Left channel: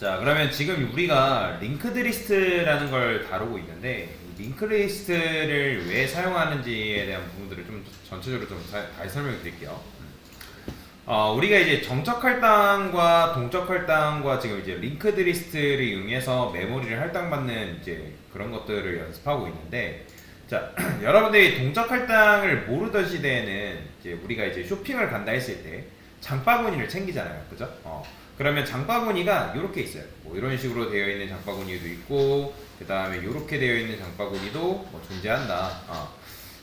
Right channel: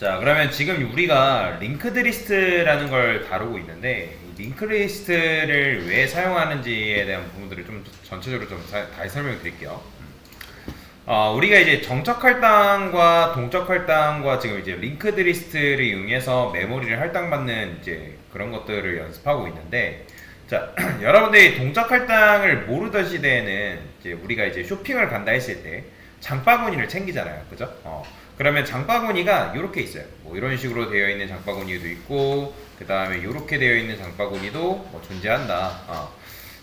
자, 그러면 지금 우리가 링크드 리스트라는 걸 다루고 있는데, 이 링크드 리스트를 왜 사용하는지에 대한 부분들을 좀 전체적으로 좀 다시 설명을 드릴게요. 우리가 이제 정적 할당과 동적 할당과 지금 이제 링크드 리스트를 이용해서 메모리를 할당받는 이제 그런 것들을 연습하고 있는데, 자, 여러분들이 동적 할당을 모르던 시대에는 이제 우리가 이제 쇼핑을 간다 했을 때 장바구니를 챙기잖아요. 그죠? 그러면 장바구니가 이렇게 있어요. 뭐 이런 식으로 되어 있는 장바구니도 있고, 그 다음에 이렇게 되어 있는 장바구니도 뭐 존재한다.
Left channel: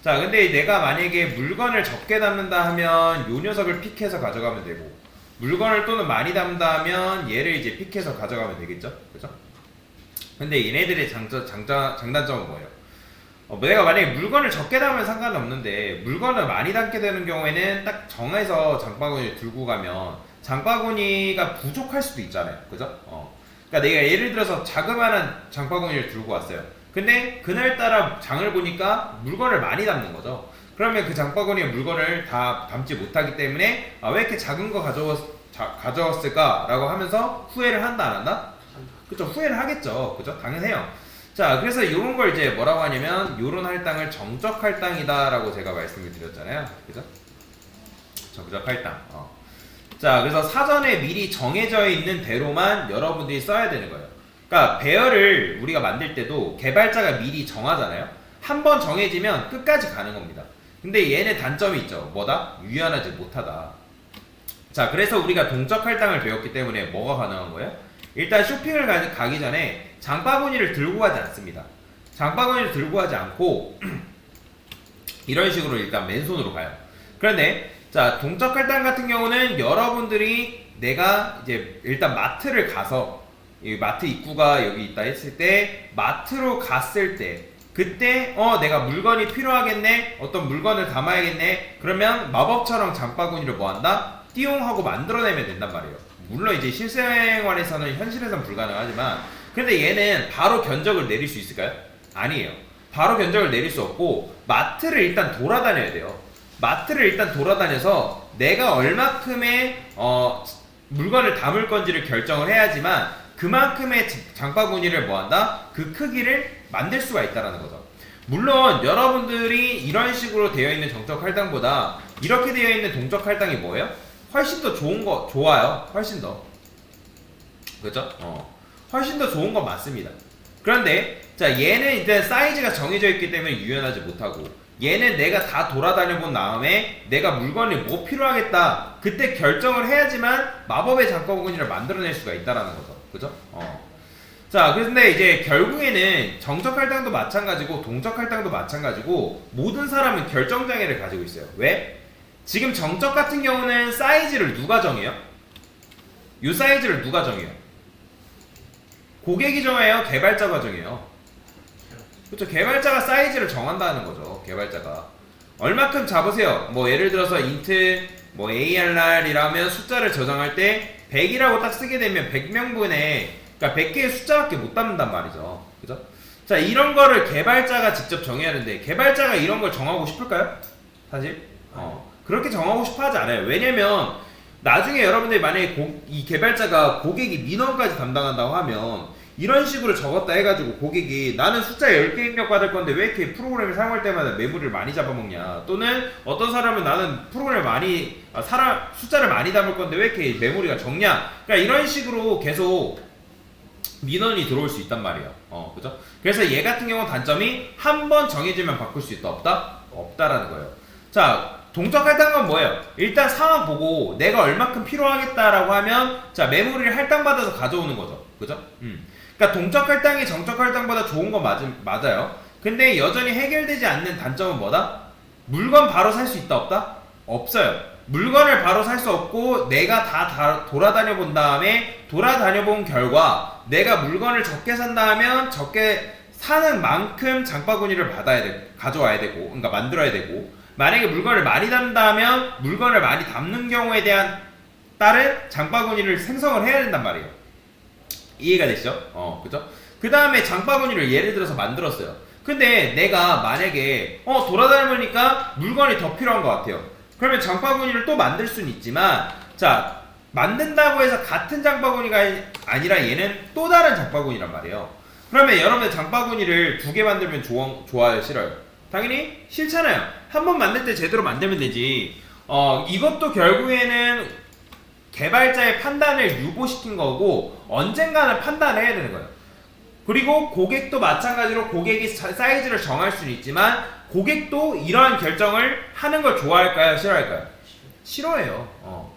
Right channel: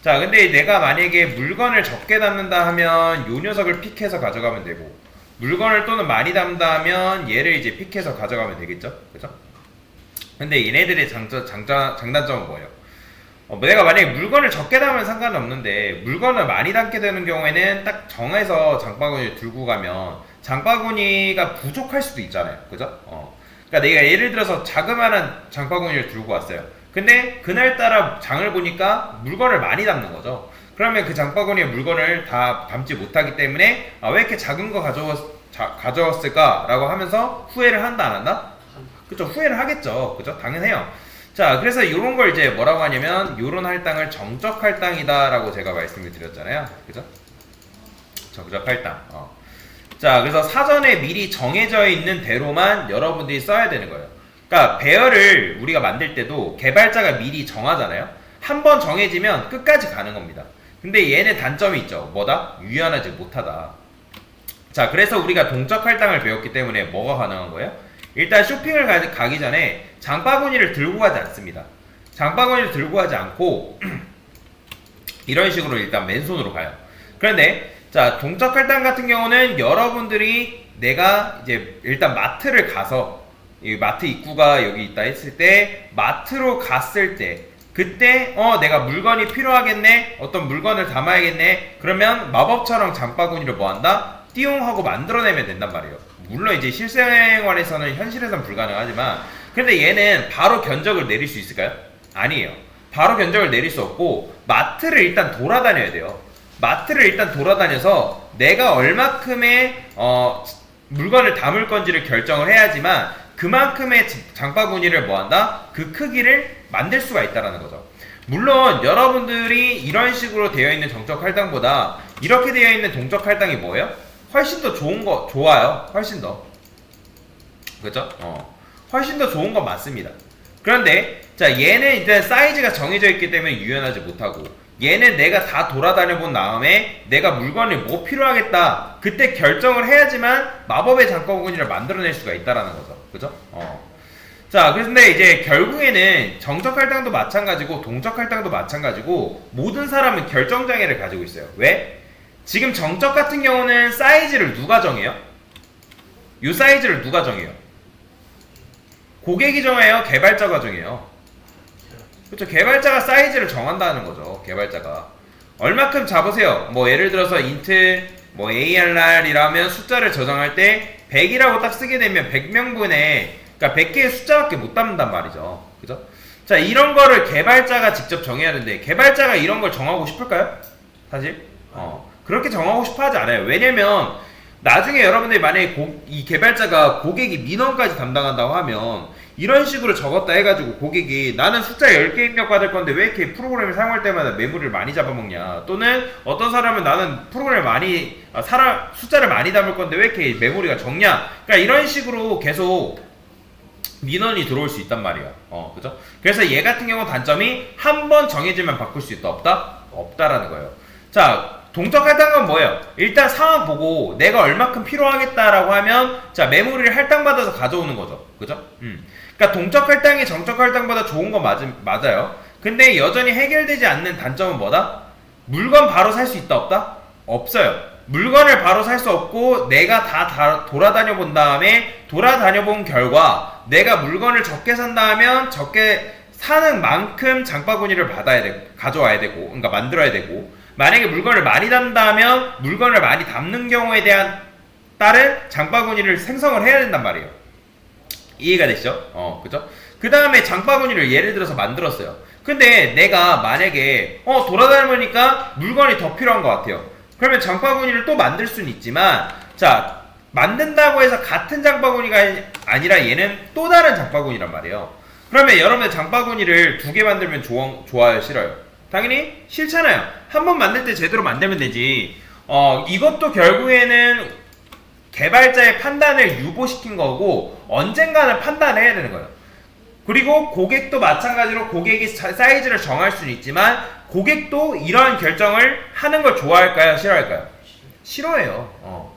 자, 근데 내가 만약에 물건을 적게 담는다 하면 요 녀석을 픽해서 가져가면 되고, 물건을 또는 많이 담다 하면 얘를 이제 픽해서 가져가면 되겠죠? 그죠? 근데 얘네들의 장단점은 뭐예요? 내가 만약에 물건을 적게 담으면 상관은 없는데, 물건을 많이 담게 되는 경우에는 딱 정해서 장바구니를 들고 가면 장바구니가 부족할 수도 있잖아요. 그죠? 그러니까 내가 예를 들어서 자그마한 장바구니를 들고 왔어요. 근데 그날따라 장을 보니까 물건을 많이 담는 거죠. 그러면 그 장바구니에 물건을 다 담지 못하기 때문에 왜 이렇게 작은 거 가져왔을까? 라고 하면서 후회를 한다, 안 한다? 그쵸? 후회를 하겠죠. 그죠? 당연해요. 자, 그래서 이런 걸 이제 뭐라고 하냐면, 요런 할당을 정적 할당이다 라고 제가 말씀을 드렸잖아요. 그죠? 정적 할당. 자, 그래서 사전에 미리 정해져 있는 대로만 여러분들이 써야 되는 거예요. 그러니까 배열을 우리가 만들 때도 개발자가 미리 정하잖아요. 한번 정해지면 끝까지 가는 겁니다. 근데 얘는 단점이 있죠. 뭐다? 유연하지 못하다. 자, 그래서 우리가 동적 할당을 배웠기 때문에 뭐가 가능한 거예요? 일단 쇼핑을 가기 전에 장바구니를 들고 가지 않습니다. 장바구니를 들고 가지 않고 이런 식으로 일단 맨손으로 가요. 그런데 자, 동적 할당 같은 경우는 여러분들이 내가 이제 일단 마트를 가서, 이 마트 입구가 여기 있다 했을 때 마트로 갔을 때 그때 내가 물건이 필요하겠네, 어떤 물건을 담아야겠네, 그러면 마법처럼 장바구니를 뭐한다? 띠용 하고 만들어내면 된단 말이에요. 물론 이제 실생활에서는 현실에서는 불가능하지만, 근데 얘는 바로 견적을 내릴 수 있을까요? 아니에요. 바로 견적을 내릴 수 없고 마트를 일단 돌아다녀야 돼요. 마트를 일단 돌아다녀서 내가 얼마큼의 물건을 담을 건지를 결정을 해야지만 그만큼의 장바구니를 뭐한다? 그 크기를 만들 수가 있다는 거죠. 물론 여러분들이 이런 식으로 되어 있는 정적 할당보다 이렇게 되어 있는 동적 할당이 뭐예요? 훨씬 더 좋아요. 훨씬 더. 그죠? 훨씬 더 좋은 건 맞습니다. 그런데 자, 얘는 일단 사이즈가 정해져 있기 때문에 유연하지 못하고, 얘는 내가 다 돌아다녀 본 다음에 내가 물건이 뭐 필요하겠다, 그때 결정을 해야지만 마법의 장바구니를 만들어낼 수가 있다라는 거죠. 그죠? 자, 그런데 이제 결국에는 정적 할당도 마찬가지고 동적 할당도 마찬가지고 모든 사람은 결정장애를 가지고 있어요. 왜? 지금 정적 같은 경우는 사이즈를 누가 정해요? 이 사이즈를 누가 정해요? 고객이 정해요? 개발자가 정해요? 그렇죠. 개발자가 사이즈를 정한다는 거죠. 개발자가 얼마큼 잡으세요. 뭐 예를 들어서 int 뭐 ARR이라면 숫자를 저장할 때 100이라고 딱 쓰게 되면 100명분에, 그러니까 100개의 숫자밖에 못 담는단 말이죠. 그죠? 자, 이런 거를 개발자가 직접 정해야 하는데 개발자가 이런 걸 정하고 싶을까요? 사실 그렇게 정하고 싶어 하지 않아요. 왜냐면 나중에 여러분들이 만약에 이 개발자가 고객이 민원까지 담당한다고 하면 이런 식으로 적었다 해가지고 고객이 나는 숫자 10개 입력 받을 건데 왜 이렇게 프로그램을 사용할 때마다 메모리를 많이 잡아먹냐, 또는 어떤 사람은 나는 프로그램을 많이 숫자를 많이 담을 건데 왜 이렇게 메모리가 적냐, 그러니까 이런 식으로 계속 민원이 들어올 수 있단 말이에요. 그죠? 그래서 얘 같은 경우 단점이 한 번 정해지면 바꿀 수 있다 없다? 없다라는 거예요. 자, 동적 할당은 뭐예요? 일단 상황 보고 내가 얼마큼 필요하겠다라고 하면 자, 메모리를 할당받아서 가져오는 거죠. 그죠? 그러니까 동적 할당이 정적 할당보다 좋은 건 맞아요. 근데 여전히 해결되지 않는 단점은 뭐다? 물건 바로 살 수 있다 없다? 없어요. 물건을 바로 살 수 없고 내가 다 돌아다녀 본 다음에 돌아다녀 본 결과 내가 물건을 적게 산다 하면 적게 사는 만큼 장바구니를 가져와야 되고, 그러니까 만들어야 되고, 만약에 물건을 많이 담다 하면 물건을 많이 담는 경우에 따른 장바구니를 생성을 해야 된단 말이에요. 이해가 되시죠? 그죠? 그 다음에 장바구니를 예를 들어서 만들었어요. 근데 내가 만약에 돌아다니니까 물건이 더 필요한 것 같아요. 그러면 장바구니를 또 만들 수는 있지만, 자, 만든다고 해서 같은 장바구니가 아니라 얘는 또 다른 장바구니란 말이에요. 그러면 여러분들 장바구니를 두 개 만들면 좋아요, 싫어요? 당연히 싫잖아요. 한 번 만들 때 제대로 만들면 되지. 이것도 결국에는 개발자의 판단을 유보시킨 거고 언젠가는 판단을 해야 되는 거예요. 그리고 고객도 마찬가지로 고객이 사이즈를 정할 수는 있지만 고객도 이러한 결정을 하는 걸 좋아할까요? 싫어할까요? 싫어해요.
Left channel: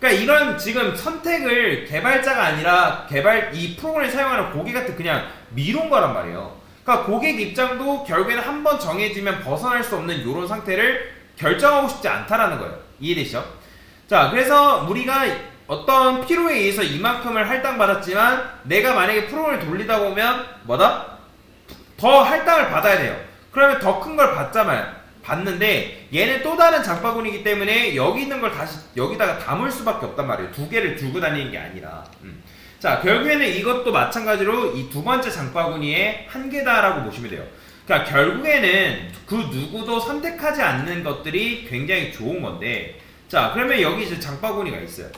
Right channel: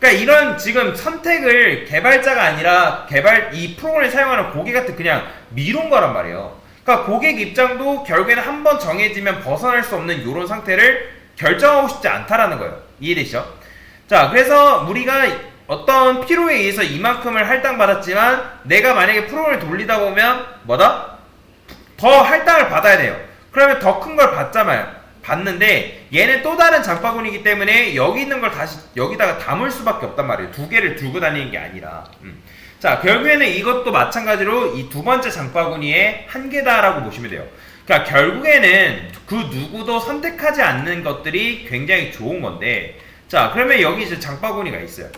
그러니까 이런 지금 선택을 개발자가 아니라 이 프로그램을 사용하는 고객한테 그냥 미룬 거란 말이에요. 그러니까 고객 입장도 결국에는 한번 정해지면 벗어날 수 없는 이런 상태를 결정하고 싶지 않다라는 거예요. 이해되시죠? 자, 그래서 우리가 어떤 필요에 의해서 이만큼을 할당받았지만 내가 만약에 프로그램을 돌리다 보면 뭐다? 더 할당을 받아야 돼요. 그러면 더 큰 걸 받는데 얘는 또 다른 장바구니이기 때문에 여기 있는 걸 다시 여기다가 담을 수밖에 없단 말이에요. 두 개를 들고 다니는 게 아니라. 자, 결국에는 이것도 마찬가지로 이 두 번째 장바구니의 한계다라고 보시면 돼요. 그러니까 결국에는 그 누구도 선택하지 않는 것들이 굉장히 좋은 건데, 자, 그러면 여기 이제 장바구니가 있어요.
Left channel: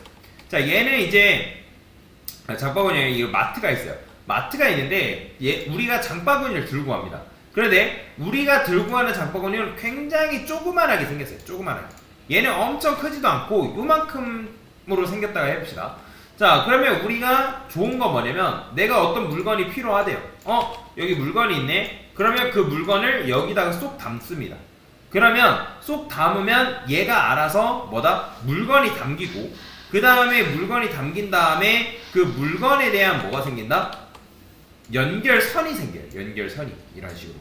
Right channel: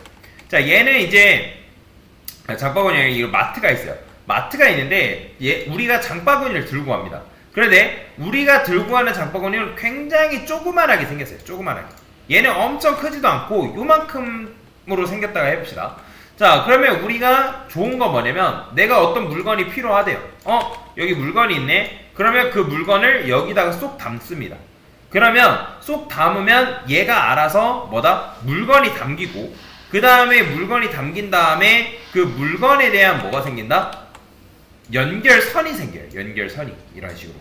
자, 얘는 이제 장바구니에 이거 마트가 있어요. 마트가 있는데 우리가 장바구니를 들고 갑니다. 그런데 우리가 들고 가는 장바구니는 굉장히 조그만하게 생겼어요. 조그만하게. 얘는 엄청 크지도 않고 요만큼으로 생겼다고 해봅시다. 자, 그러면 우리가 좋은 거 뭐냐면 내가 어떤 물건이 필요하대요. 여기 물건이 있네. 그러면 그 물건을 여기다가 쏙 담습니다. 그러면 쏙 담으면 얘가 알아서 뭐다? 물건이 담기고 그 다음에 물건이 담긴 다음에 그 물건에 대한 뭐가 생긴다? 연결선이 생겨요. 연결선이 이런 식으로.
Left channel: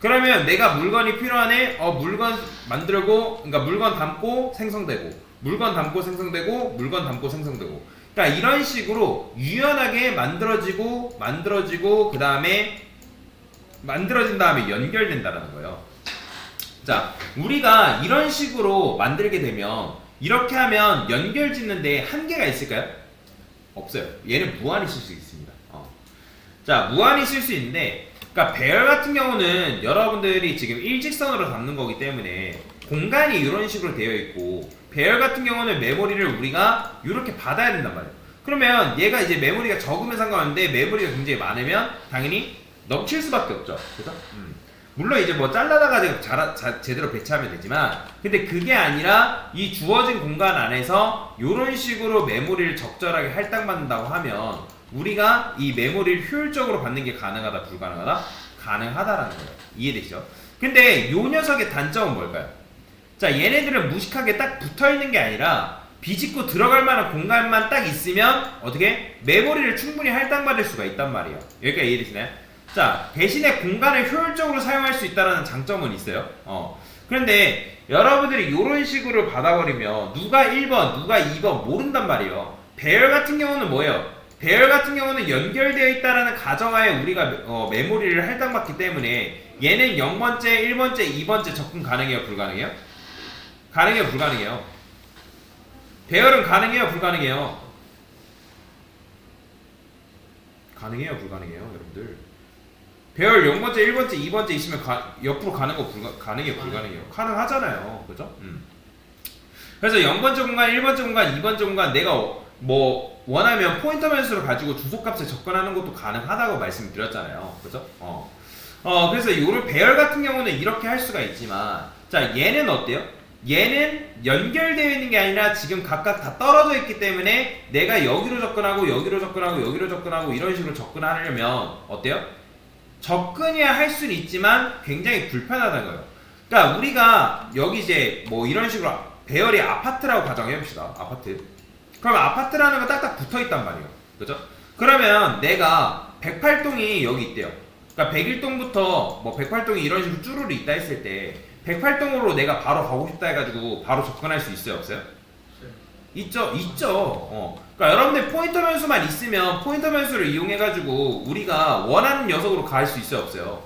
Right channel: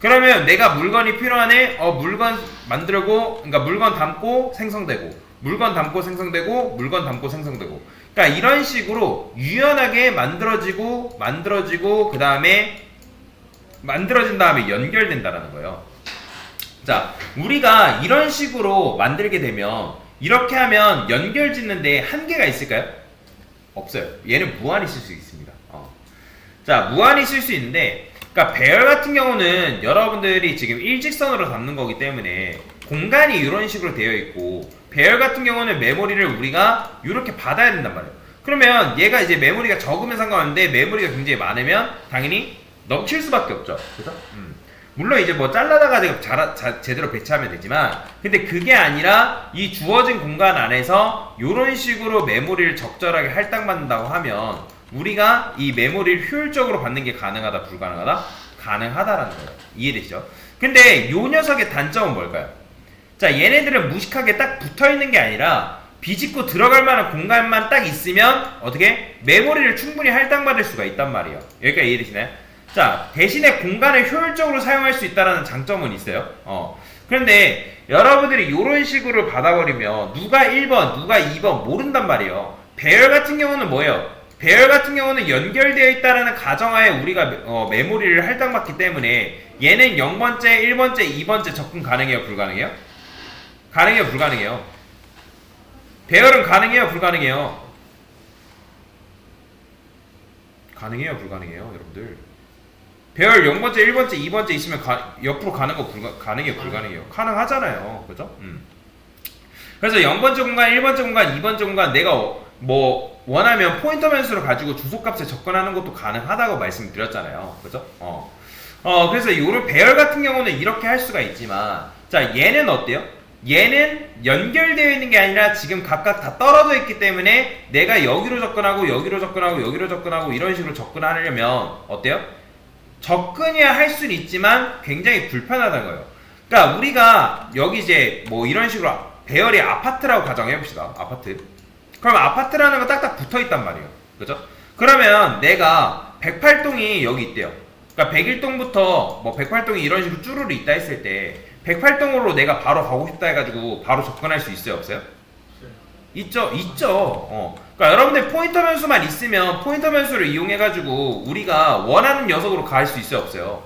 그러면 내가 물건이 필요하네. 물건 만들고, 그러니까 물건 담고 생성되고, 물건 담고 생성되고, 물건 담고 생성되고. 그러니까 이런 식으로 유연하게 만들어지고 그 다음에 만들어진 다음에 연결된다라는 거예요. 자, 우리가 이런 식으로 만들게 되면 이렇게 하면 연결 짓는데 한계가 있을까요? 없어요. 얘는 무한히 쓸 수 있습니다. 자, 무한히 쓸 수 있는데, 그러니까 배열 같은 경우는 여러분들이 지금 일직선으로 담는 거기 때문에 공간이 이런 식으로 되어 있고, 배열 같은 경우는 메모리를 우리가 이렇게 받아야 된단 말이에요. 그러면 얘가 이제 메모리가 적으면 상관없는데 메모리가 굉장히 많으면 당연히 넘칠 수밖에 없죠. 그래서 물론 이제 뭐 잘라다가 제대로 배치하면 되지만, 근데 그게 아니라 이 주어진 공간 안에서 이런 식으로 메모리를 적절하게 할당받는다고 하면 우리가 이 메모리를 효율적으로 받는 게 가능하다, 불가능하다? 가능하다라는 거예요. 이해되시죠? 근데 이 녀석의 단점은 뭘까요? 자, 얘네들은 무식하게 딱 붙어있는 게 아니라 비집고 들어갈 만한 공간만 딱 있으면 어떻게? 메모리를 충분히 할당받을 수가 있단 말이에요. 여기까지 이해되시나요? 자, 대신에 공간을 효율적으로 사용할 수 있다는 장점은 있어요. 그런데 여러분들이 이런 식으로 받아버리면 누가 1번, 누가 2번 모른단 말이에요. 배열 같은 경우는 뭐예요? 배열 같은 경우는 연결되어 있다는 가정하에 우리가 메모리를 할당받기 때문에 얘는 0번째, 1번째, 2번째 접근 가능해요? 불가능해요? 가능해요? 불가능해요? 배열은 가능해요? 불가능해요? 가능해요? 불가능해요? 여러분들 배열 0번째, 1번째, 2번째 있으면 옆으로 가는 거 가능해요? 불가능해요? 가능하잖아요. 그죠? 그래서 0번째 공간, 1번째 공간, 2번째 공간 내가 뭐 원하면 포인터 변수를 가지고 주소값에 접근하는 것도 가능하다고 말씀드렸잖아요. 그죠? 그래서 요런 배열 같은 경우는 이렇게 할 수가 있지만, 자, 얘는 어때요? 얘는 연결되어 있는 게 아니라 지금 각각 다 떨어져 있기 때문에 내가 여기로 접근하고 여기로 접근하고 여기로 접근하고 이런 식으로 접근하려면 어때요? 접근이야 할 수는 있지만 굉장히 불편하다는 거예요. 그러니까 우리가 여기 이제 뭐 이런 식으로 배열이 아파트라고 가정해봅시다. 아파트. 그럼 아파트라는 거 딱딱 붙어있단 말이에요. 그죠? 그러면 내가 108동이 여기 있대요. 그러니까 101동부터 뭐 108동이 이런 식으로 쭈루루 있다 했을 때 108동으로 내가 바로 가고 싶다 해가지고 바로 접근할 수 있어요? 없어요? 있죠? 있죠. 그러니까 여러분들 포인터 변수만 있으면 포인터 변수를 이용해가지고 우리가 원하는 녀석으로 갈 수 있어요? 없어요?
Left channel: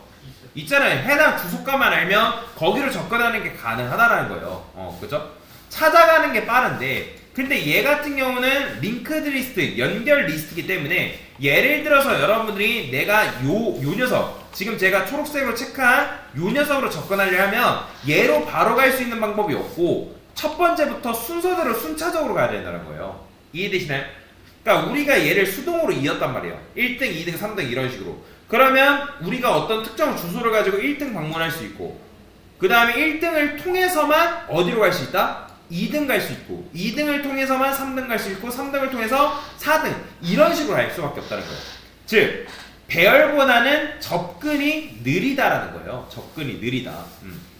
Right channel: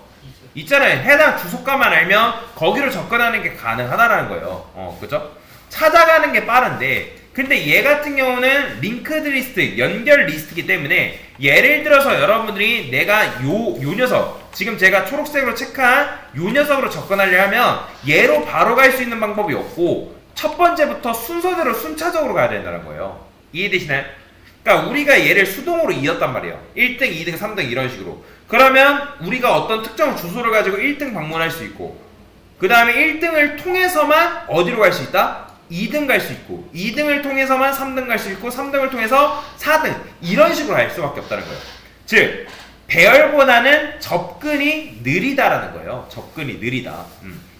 있잖아요. 해당 주소가만 알면 거기로 접근하는 게 가능하다라는 거예요. 그죠? 찾아가는 게 빠른데, 근데 얘 같은 경우는 링크드 리스트, 연결 리스트이기 때문에 예를 들어서 여러분들이 내가 요 녀석, 지금 제가 초록색으로 체크한 요 녀석으로 접근하려 하면 얘로 바로 갈 수 있는 방법이 없고 첫 번째부터 순서대로 순차적으로 가야 된다는 거예요. 이해되시나요? 그러니까 우리가 얘를 수동으로 이었단 말이에요. 1등, 2등, 3등 이런 식으로. 그러면 우리가 어떤 특정 주소를 가지고 1등 방문할 수 있고, 그 다음에 1등을 통해서만 어디로 갈 수 있다? 2등 갈 수 있고, 2등을 통해서만 3등 갈 수 있고, 3등을 통해서 4등 이런 식으로 갈 수밖에 없다는 거예요. 즉 배열보다는 접근이 느리다라는 거예요. 접근이 느리다.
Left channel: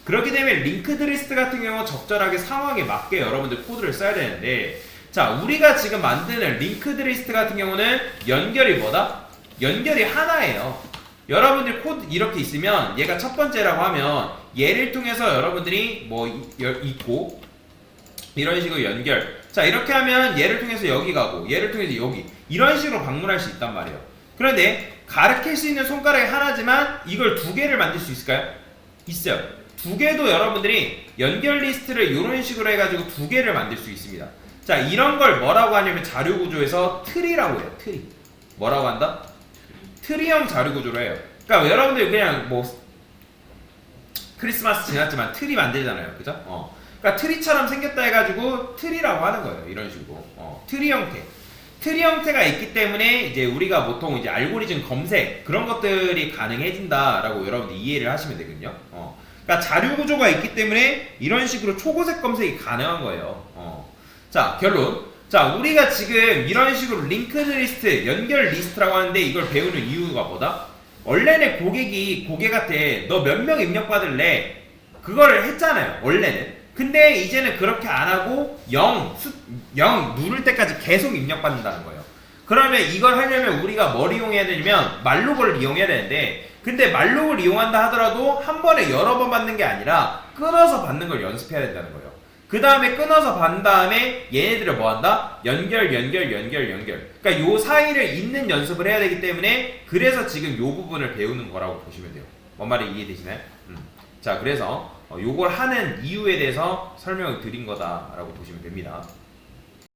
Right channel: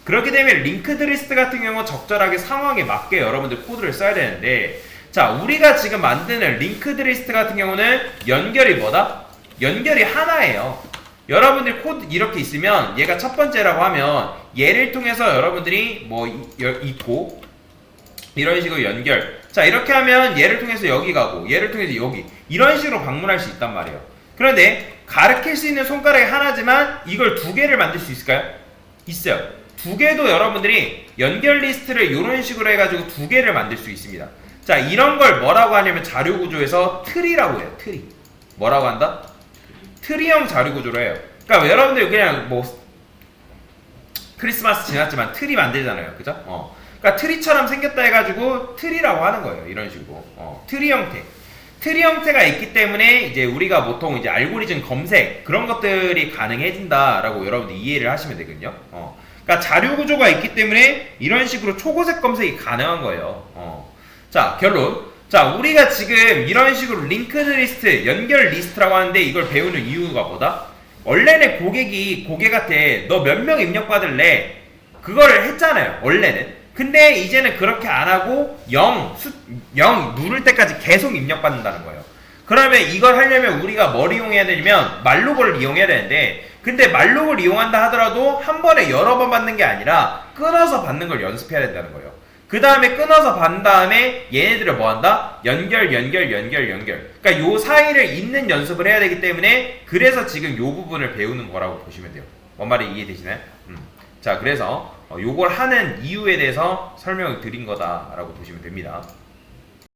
그렇기 때문에 링크드 리스트 같은 경우 적절하게 상황에 맞게 여러분들 코드를 써야 되는데, 자, 우리가 지금 만드는 링크드 리스트 같은 경우는 연결이 뭐다? 연결이 하나예요. 여러분들 코드 이렇게 있으면 얘가 첫 번째라고 하면 얘를 통해서 여러분들이 뭐 있고 이런 식으로 연결. 자, 이렇게 하면 얘를 통해서 여기 가고 얘를 통해서 여기 이런 식으로 방문할 수 있단 말이에요. 그런데 가르칠 수 있는 손가락이 하나지만 이걸 두 개를 만들 수 있을까요? 있어요. 두 개도 여러분들이 연결 리스트를 이런 식으로 해가지고 두 개를 만들 수 있습니다. 자, 이런 걸 뭐라고 하냐면 자료 구조에서 트리라고 해요. 트리. 뭐라고 한다? 트리형 자료 구조로 해요. 그러니까 여러분들 그냥 뭐 크리스마스 지났지만 트리 만들잖아요. 그죠? 그러니까 트리처럼 생겼다 해가지고 트리라고 하는 거예요. 이런 식으로. 트리 형태. 트리 형태가 있기 때문에 이제 우리가 보통 이제 알고리즘 검색 그런 것들이 가능해진다라고 여러분들 이해를 하시면 되거든요. 그러니까 자료 구조가 있기 때문에 이런 식으로 초고색 검색이 가능한 거예요. 자, 결론. 자, 우리가 지금 이런 식으로 링크드 리스트, 연결 리스트라고 하는데 이걸 배우는 이유가 뭐다? 원래는 고객한테 너 몇 명 입력받을래? 그거를 했잖아요. 원래는. 근데 이제는 그렇게 안 하고 0 누를 때까지 계속 입력받는다는 거예요. 그러면 이걸 하려면 우리가 뭘 이용해야 되냐면 말로그를 이용해야 되는데, 근데 말로그를 이용한다 하더라도 한 번에 여러 번 받는 게 아니라 끊어서 받는 걸 연습해야 된다는 거예요. 그 다음에 끊어서 받은 다음에 얘네들을 뭐 한다? 연결. 그러니까 요 사이를 잇는 연습을 해야 되기 때문에 그래서 지금 요 부분을 배우는 거라고 보시면 돼요. 뭔 말이 이해되시나요? 자, 그래서 요걸 하는 이유에 대해서 설명을 드린 거다라고 보시면 됩니다.